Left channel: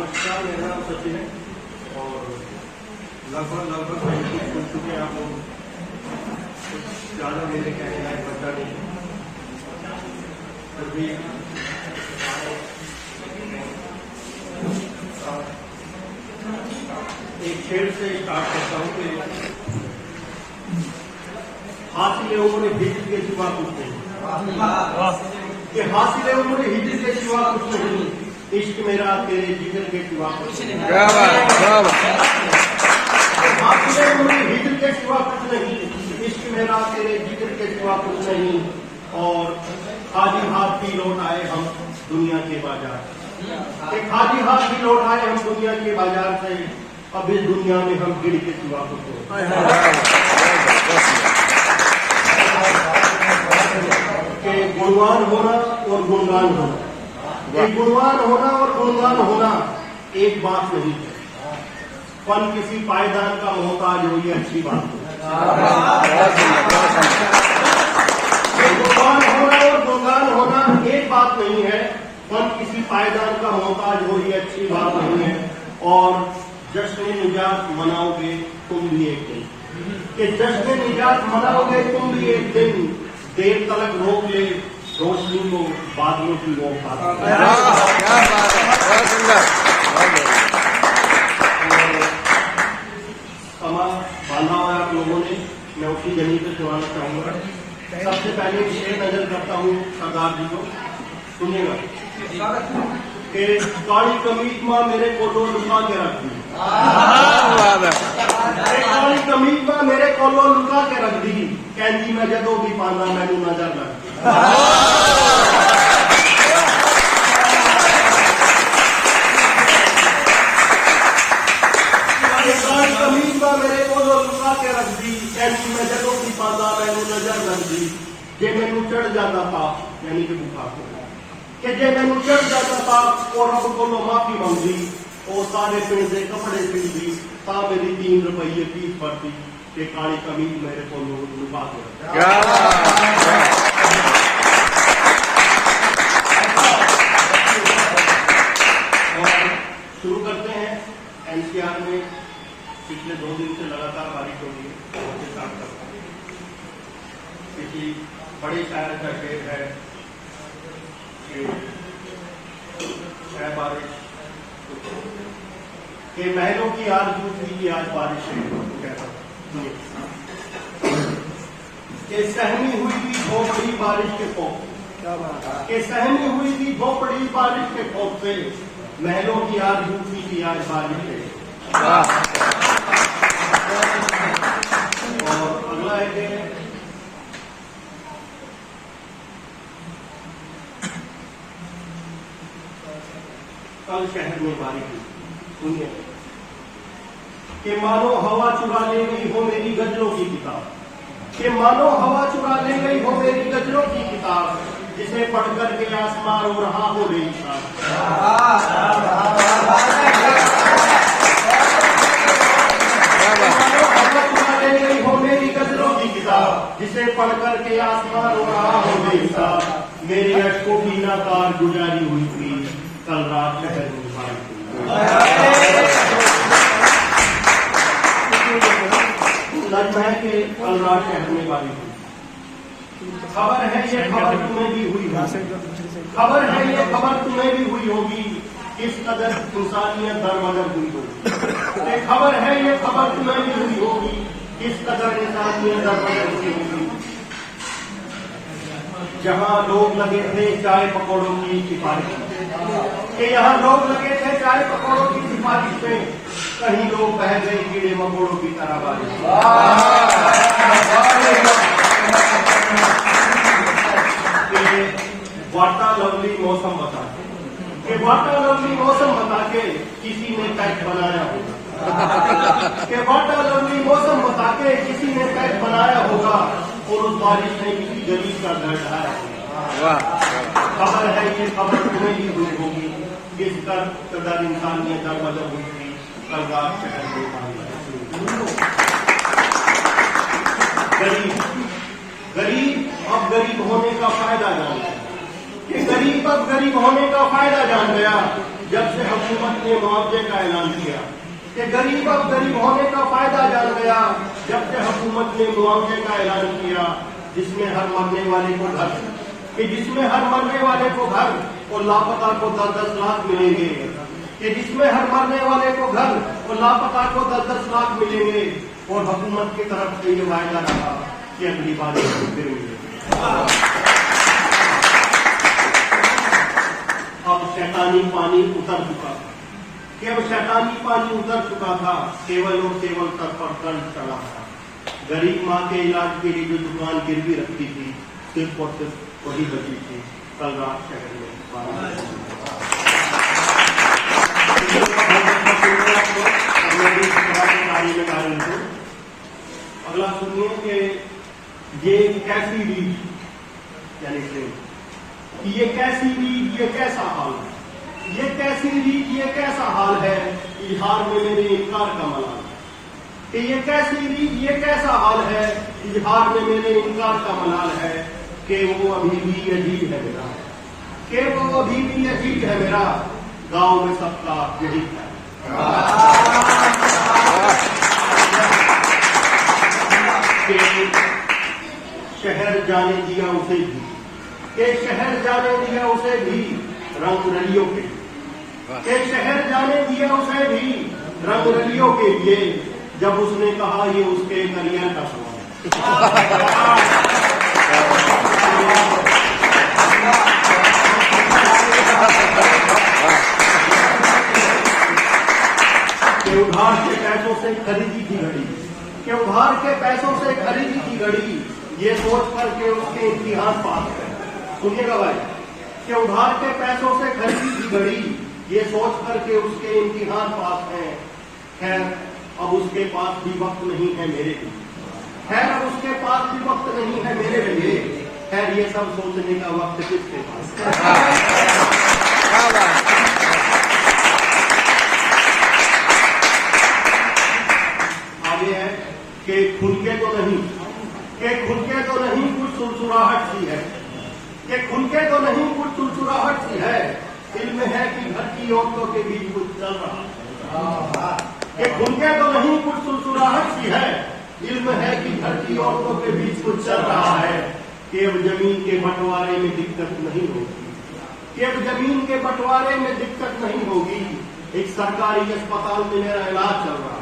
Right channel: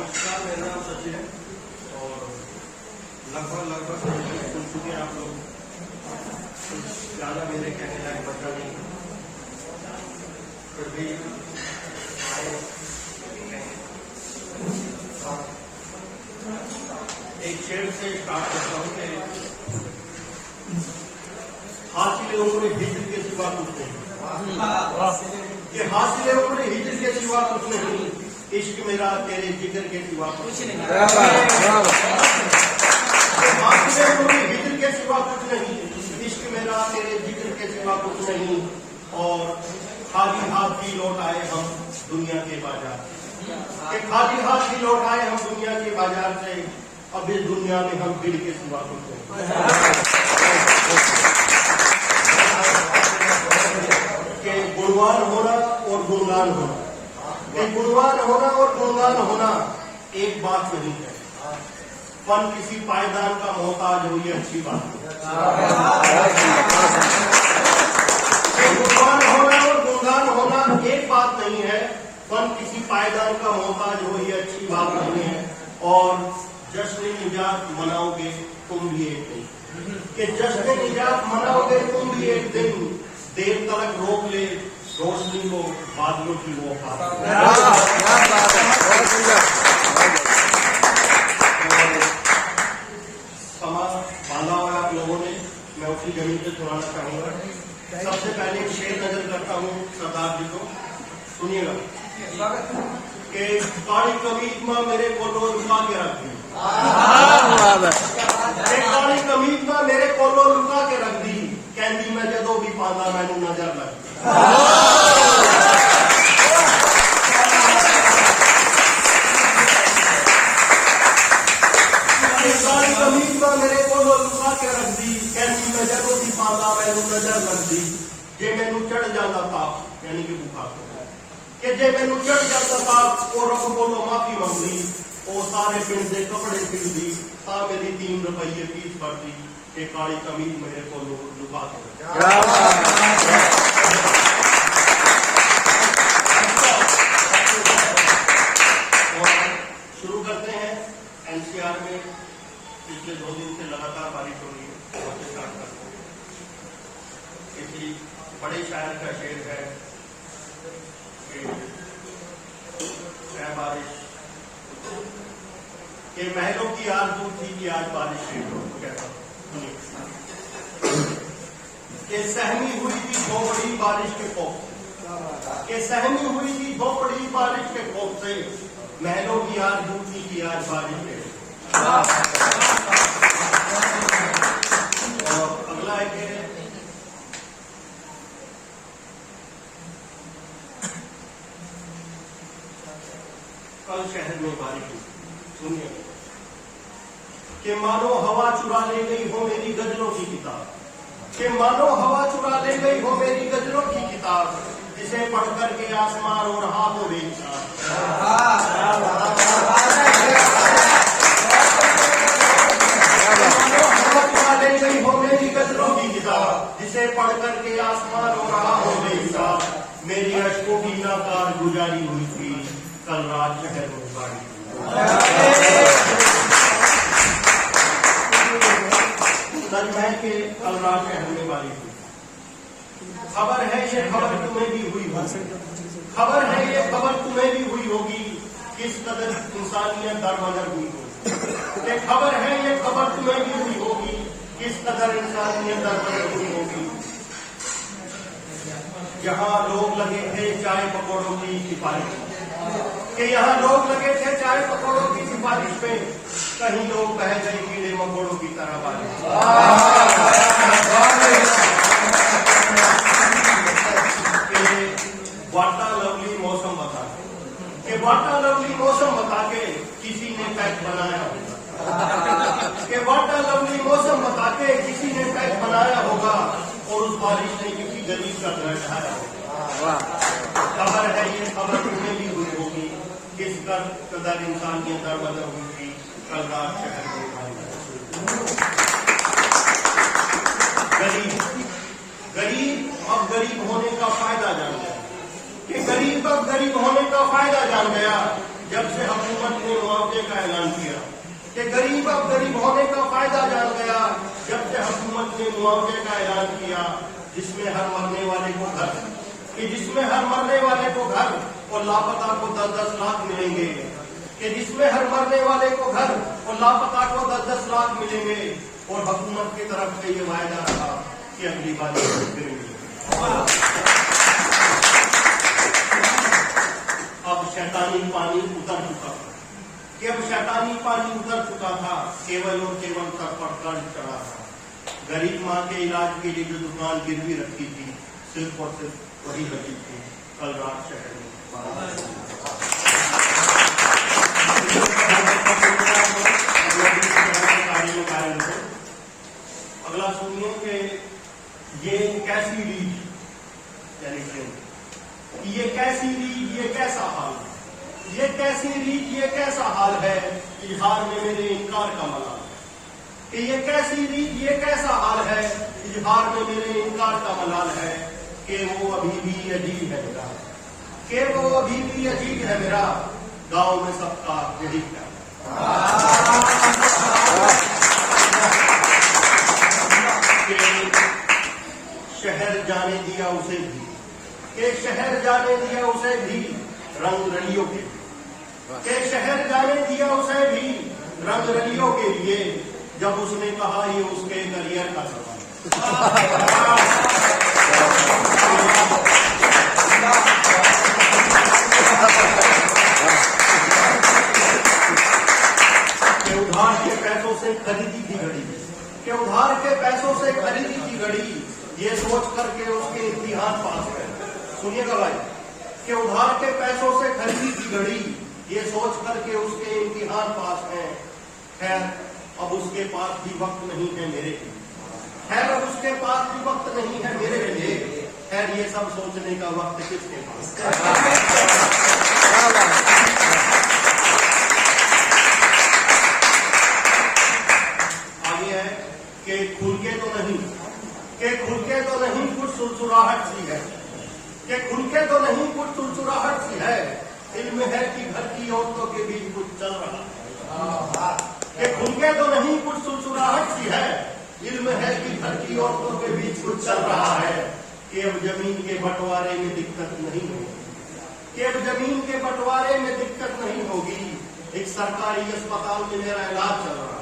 नमस्कार, मेरा नाम सचिन है और लगभग सुन चुके हैं आप लोग। कुछ ज़्यादा मेरे कहने लायक बचा नहीं, फिर भी एक शेर से स्टार्ट करता हूँ कि हासिल उम्र हिजर के सिवा कुछ नहीं, कि हासिल उम्र हिजर के सिवा कुछ नहीं, इश्क मेरा तेरे जिगर के सिवा कुछ नहीं। हासिल उम्र हिजर के सिवा कुछ नहीं, इश्क मेरा तेरे जिगर के सिवा कुछ नहीं। और खाली हाथ भी लौट आए हम दुनिया के बाजार, खाली हाथ भी लौट आए हम दुनिया के बाजार से, अब इस दुनिया में हम गिर के सिवा कुछ नहीं। कि गुणवान होना और गुणगान होना, कि गुणवान होना और गुणगान होना एक बात नहीं है, फन किसी पायदान का मोहताज हो, ये अच्छी बात है। गुणवान होना और गुणगान होना एक बात नहीं है, फन किसी पायदान का मोहताज हो, ये अच्छी बात नहीं है। और जश्न निजात मनाओगे तुम भी एक दिन, कि जश्न निजात मनाओगे तुम भी एक दिन, देर तलक रोक ले रोशनी को बादलों की वो क्या बात है, बहुत सुंदर। समा बांधा हुआ आप लोगों ने, मैं उसी जमीन पे सुनाना चाहूंगा। सबसे पहले शेर नजर करता हूँ सरदार जी को, सुनिएगा कि काली कमीज मां मेरे कोलो लुका के रख दी, काली कमीज मां मेरे कोलो लुका के रख दी, कहती मैं जदों भी पाना मैनू नजर लग कमीज मां मेरे कोलो लुका के रख दी, कहती मैं जदों भी पाना मैनू नजर लग दी। जे मैनू चढ़ जाता था यानी कि बुखार कि जे मैनू चढ़ जाता था और रब कोलो माफी मंगी, और सारे पिंड के कपड़े सिलदी, ता मेरी 3 रुपये फीस भरती, कि काली कमीज मेरे को लुका के। और शुरू करते हैं। एनसीआर में पिछले 2 दिन से लगातार बारिश हो रही है। किसी बड़े शायर का शेर है कि बारिश के महलों की आरज़ू थी कि आज बारिश के सहमी हुई थी भोपड़ी बारिश के खौफ, के सहमी हुई थी भोपड़ी बारिश के खौफ से, महलों की आरज़ू थी कि आज बारिश है। और अगला है कि कल शहर में बारिश हुई, सुनिए, कि मानो हवा चुरा ले गई हो मेरी गजलों की किताब, कि मानो हवा चुरा ले गई हो मेरी गजलों की किताब, जिसे पढ़कर के आसमान रो रहा हो बेइंसाफ। हवा चुरा ले गई हो मेरी गजलों की किताब, जिसे पढ़कर के आसमान रो रहा हो बेइंसाफ। मेरी अशकों की नाकार गुजारी हुई थी कल रात शहर में बारिश। के कल रात शहर में बारिश हुई। खबर है ये खबर तुम्हें भी हुई होगी, खबर है ये खबर तुम्हें भी हुई होगी, किस कदर इंसानियत दरमदर हुई होगी। खबर है ये खबर तुम्हें भी हुई होगी, किस कदर इंसानियत दरमदर हुई होगी। जहाँ लोग लगे थे चाय पकौड़ों की सिफारिश में, कि यहाँ लोग लगे थे चाय पकौड़ों की सिफारिश में, कहीं लोग बह गए कीड़े मकोड़ों की तरह बारिश। वाटा लवली मौसम बता के, वाटा लवली मौसम बता के किसी ने पैक बनाया होगा, कि वाटा लवली मौसम बता के किसी ने पैक बनाया होगा, और उस बारिश ने किसी गरीब का घर ढाया होगा। खबर है ये खबर तुम्हें भी हुई होगी, किस कदर इंसानियत दरमदर हुई थी कल रात शहर में। गरीब अब गरीब होने का फायदा जान गया, कि गरीब अब गरीब होने का फायदा जान गया, जब से हुकूमत ने ने मुआवजे का ऐलान किया कि गरीब अब गरीब होने का फायदा जान गया जब से हुकूमत ने मुआवजे का ऐलान किया, जिसमें हर मरने वाले को घर और लापता को 10-10 लाख मिलेंगे, कि जिसमें हर मरने वाले को घर और लापता को 10-10 लाख मिलेंगे। और हुकूमत की तरफ से ये वायदा रहा कि अगली बार फिर मिलेंगे। अब शैतानी पानी उतर चुका था, केवल और केवल सर पर कर्ज चढ़ा था। गरीब माँ के इलाज के लिए जो दुकान गिरवी रखी थी, सिर्फ और सिर्फ वही बची थी। कल रात शहर में अगला सुनिए कि ये कैसी रीत, यानी कि ये कैसी रीत, ये कैसा हाल है, ये कैसी रीत, ये कैसा हाल है, इजहार में मेरे इनकार का मलाल है। कि ये कैसी रीत, ये कैसा हाल है, इजहार में मेरे इनकार का मलाल है। कि वो अभी भी अजीब है मेरा, कि वो अभी भी अजीब है मेरा, गांव में सबका यही है। शहर जाने दिया उसे भी, के शहर जाने दिया उसे भी रंग रलियों के, शहर जाने दिया उसे भी रंग रलियों के लिए, जब उसने कहा ये उसके करियर का सवाल के उधार के पैसों से खरीदी की घड़ी, के उधार के पैसों से खरीदी की घड़ी, ये सोच करके उसके इम्तिहान पास है। सुनिएगा भाई, कि उधार के पैसों से खरीदी की घड़ी, ये सोच करके उसके इम्तिहान पास है। खैर अब उसके पास भी वक्त नहीं है मेरे लिए, खैर अब उसके पास भी वक्त नहीं है मेरे लिए। खैर ये सब सोचने का वक्त किसके पास है? आगे है कि खुल के तो नहीं, कि खुल के तो नहीं कुछ सुरसुराहट सी है, कि खुल के तो नहीं कुछ सुरसुराहट सी है। इल्म है कि घर की औरतों के बीच कुछ चल रहा है, कि खुल के तो नहीं कुछ सुरसुराहट सी है। इल्म है कि घर की औरतों के बीच कुछ चल रहा है। कि अब जमीन के बंटवारे में दिक्कत नहीं होगी, कि अब जमीन के बंटवारे में दिक्कत नहीं होगी। एक सरकारी अस्पताल में मेरा इलाज चल रहा है।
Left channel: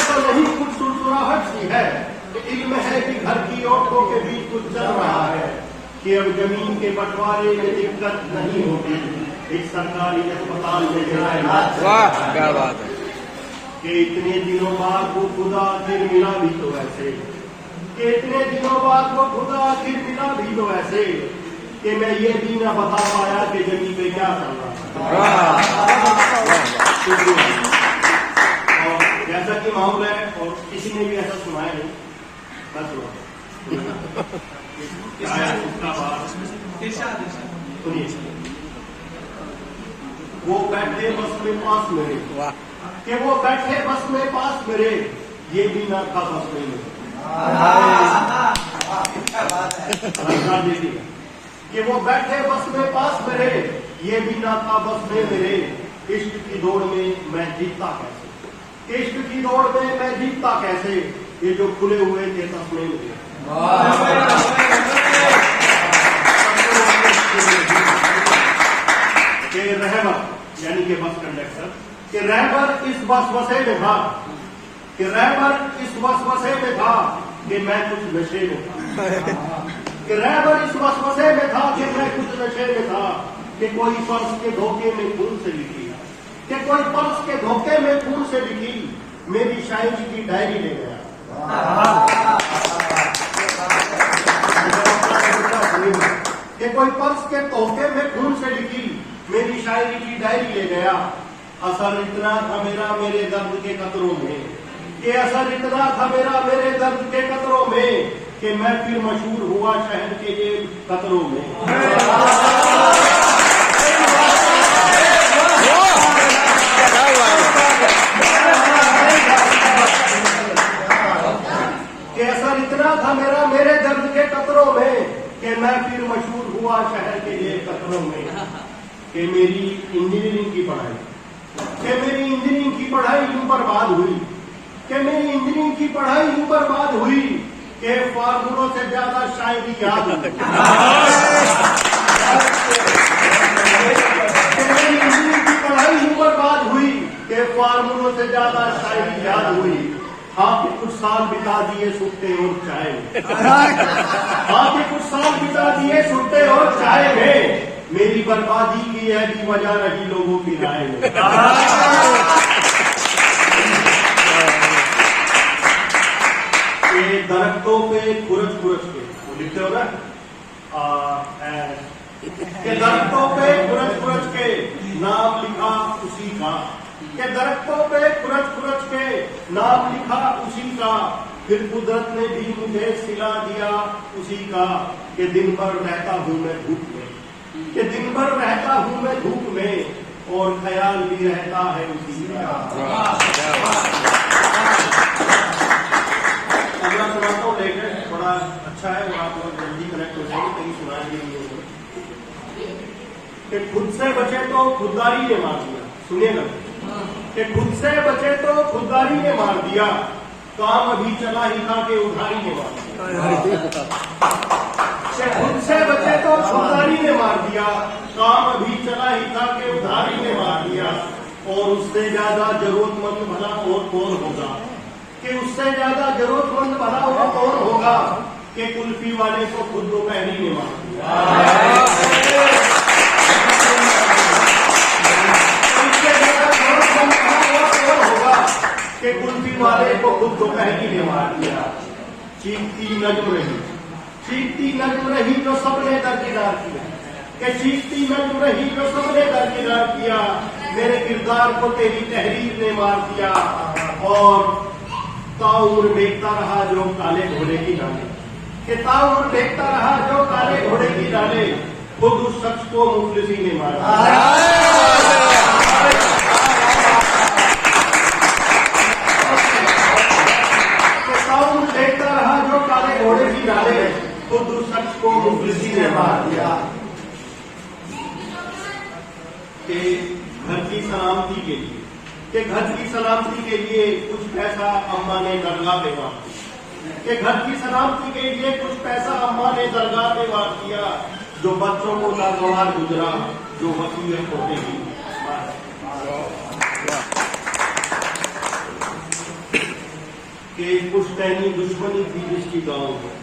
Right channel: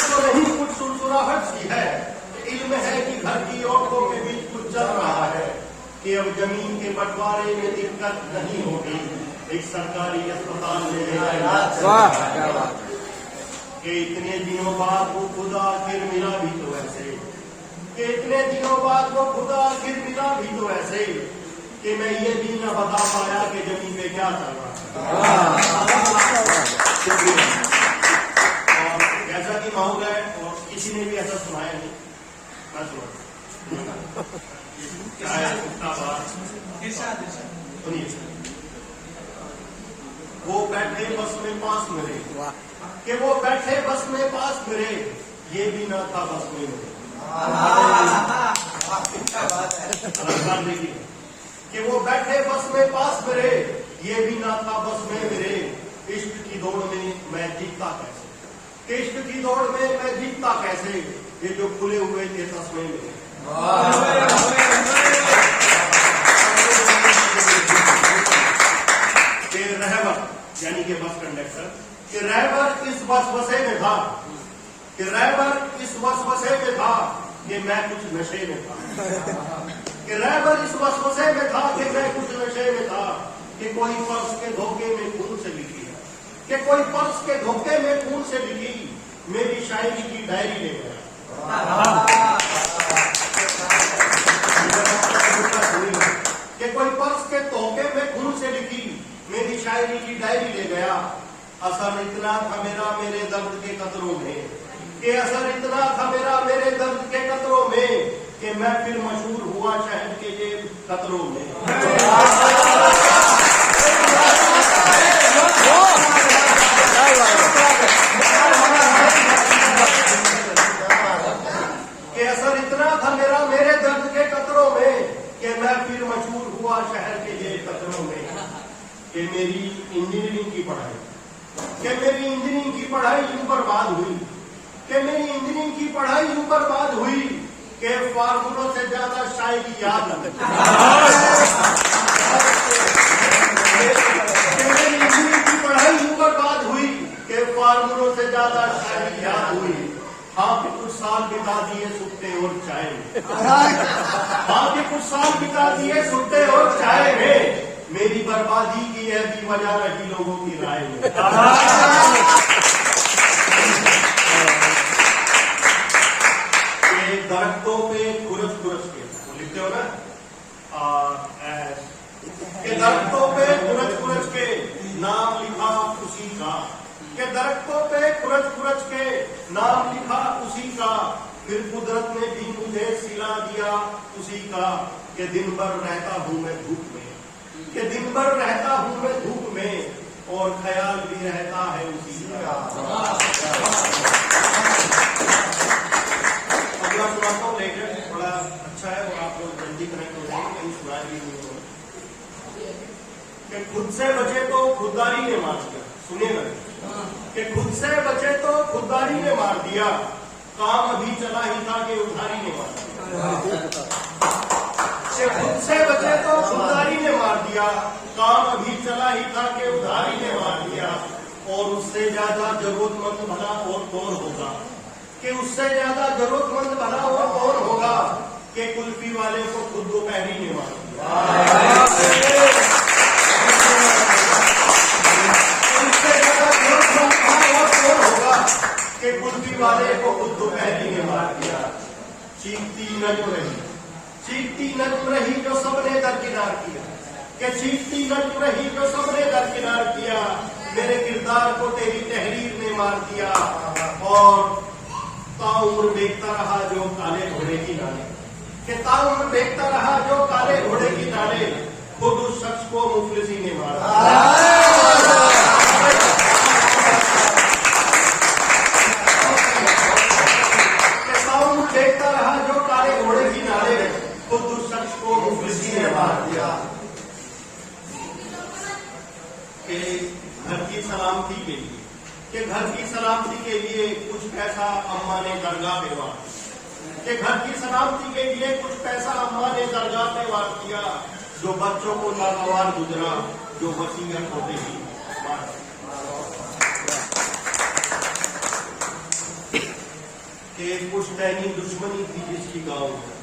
तो नहीं कुछ सुरसुराहट सी है, इल्म है कि घर की औरतों के बीच कुछ चल रहा है। कि अब जमीन के बंटवारे में दिक्कत नहीं होगी। एक सरकारी अस्पताल में मेरा इलाज। वाह क्या बात है। कि इतने दिनों बाद वो खुदा फिर मिला भी तो ऐसे, कि इतने दिनों बाद वो खुदा फिर मिला भी तो ऐसे, कि मैं ये भी न बता पाया कि जमीन पे क्या चल रहा है। और जैसा कि माहौल है और किसी ने भी ऐसा सुनाया नहीं, सुनिए। वो बैठे बस में पास मेरे, कि वो बैठे बस में पास मेरे, ये भी न था बस में मेरे। देखिए कि वो बैठे बस में पास मेरे, ये भी न था बस में मेरे। इश्क की दौड़ में मैं जीतता कैसे, इश्क की दौड़ में मैं जीतता कैसे, ये जो खुले हुए थे तस्में मेरे। कि रहबर यानी कि बस कंडक्टर, कि रहबर इस वसवसे में था, कि रहबर इस वसवसे में था कि मैं कुछ नशे में था, कि रहबर इस वसवसे में था कि मैं कुछ नशे में था। कि कोई पर्स के धोखे में खून से लिखी, कि कोई पर्स के धोखे में खून से लिखी मेरी शायरी की डायरी ले गया। कि कोई पर्स के धोखे में खून से लिखी मेरी शायरी की डायरी ले गया। असर इतना था मेरा मेरे दर्द के कतरों में, कि असर इतना था मेरा मेरे दर्द के कतरों में, कि मैं फिर मशहूर हुआ शहर के ये कतरों में। कि असर इतना था मेरा मेरे दर्द के कतरों में, कि कि मैं फिर मशहूर हुआ शहर के लिए कतरों में कि मेरी इंजीनियरिंग की पढ़ाई यूं बर्बाद हुई कि मेरी इंजीनियरिंग की पढ़ाई यूं बर्बाद हुई कि फार्मूलों से ज्यादा शायरी याद हुई। कि मेरी इंजीनियरिंग की पढ़ाई यूं बर्बाद हुई कि फार्मूलों से ज्यादा शायरी याद हुई। हाँ कि कुछ साल बिता दिए सुखते और चाय में। हाँ कि कुछ साल बिता दिए सुखते और चाय में। मेरी बर्बादी की है भी वजह रही लोगों की राय में। ये दरख्तों पे खुरच के लिखते हो ना, के दरख्तों पे खुरच के नाम लिखा उसी का। के दरख्तों पे खुरच के नाम लिखा उसी का। फिर कुदरत ने भी मुझे सिला दिया उसी का। कि दिन भर रहता हूँ मैं धूप में, कि दिन भर रहता हूँ मैं धूप में और ख्याल भी रहता है उसी का। अगला सुनाता हूँ लेकर, बड़ा अच्छा है और आप लोग जल्दी कनेक्ट हो जाएंगे, कहीं सुना ही नहीं होगा। कि खुद से बचे तो खुददारी ने मार दिया। सुनिएगा कि खुद से बचे तो खुददारी ने मार दिया। काम अभी चला ही था कि उधारी ने मार दिया। कि खुद से बचे तो खुददारी ने मार दिया। काम अभी चला ही था कि उधारी ने मार दिया। और उससे ज्यादा जरूरतमंद भला और कौन होगा। कि उससे ज्यादा जरूरतमंद भला और कौन होगा। कि कुल्फी वाले को खुद दोपहरी ने मार दिया। के कुल्फी वाले को खुद दोपहरी ने मार दिया। चीखती नज्म रही जो सबने दरकिनार किया। कि चीखती नज्म रही जो सबने दरकिनार किया। मेरे किरदार को तेरी तहरीर ने मार दिया। और ताउम्र देखता रहा जो काले घोड़े की डाले। कि ताउम्र देखता रहा जो काले घोड़े की डाले। खुद उस शख्स को मुफलिसी ने मार दिया। देखता रहा जो काले घोड़े की डाले। खुद उस शख्स को मुफलिसी ने मार दिया। कि घर की सलामती के लिए, कि घर की सलामती के लिए कुछ पैसा अम्मा ने दरगाह पे वार दिया। कि घर की सलामती के लिए कुछ पैसा अम्मा ने दरगाह पे वार दिया। जो बच्चों को नागवार गुजरा जो वसीयत होते ही। कि पुश्तैनी दुश्मनी थी जिसकी गांव में।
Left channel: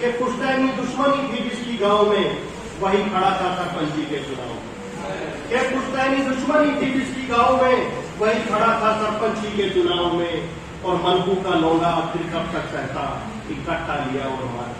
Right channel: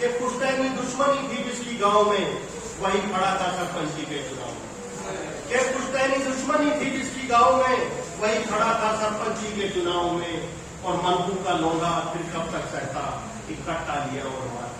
कि पुश्तैनी दुश्मनी थी जिसकी गांव में वही खड़ा था सरपंची के चुनाव में। कि पुश्तैनी दुश्मनी थी जिसकी गांव में वही खड़ा था सरपंची के चुनाव में। और मनकू का लौंगा फिर कब तक सहता, इकट्ठा लिया और मारा।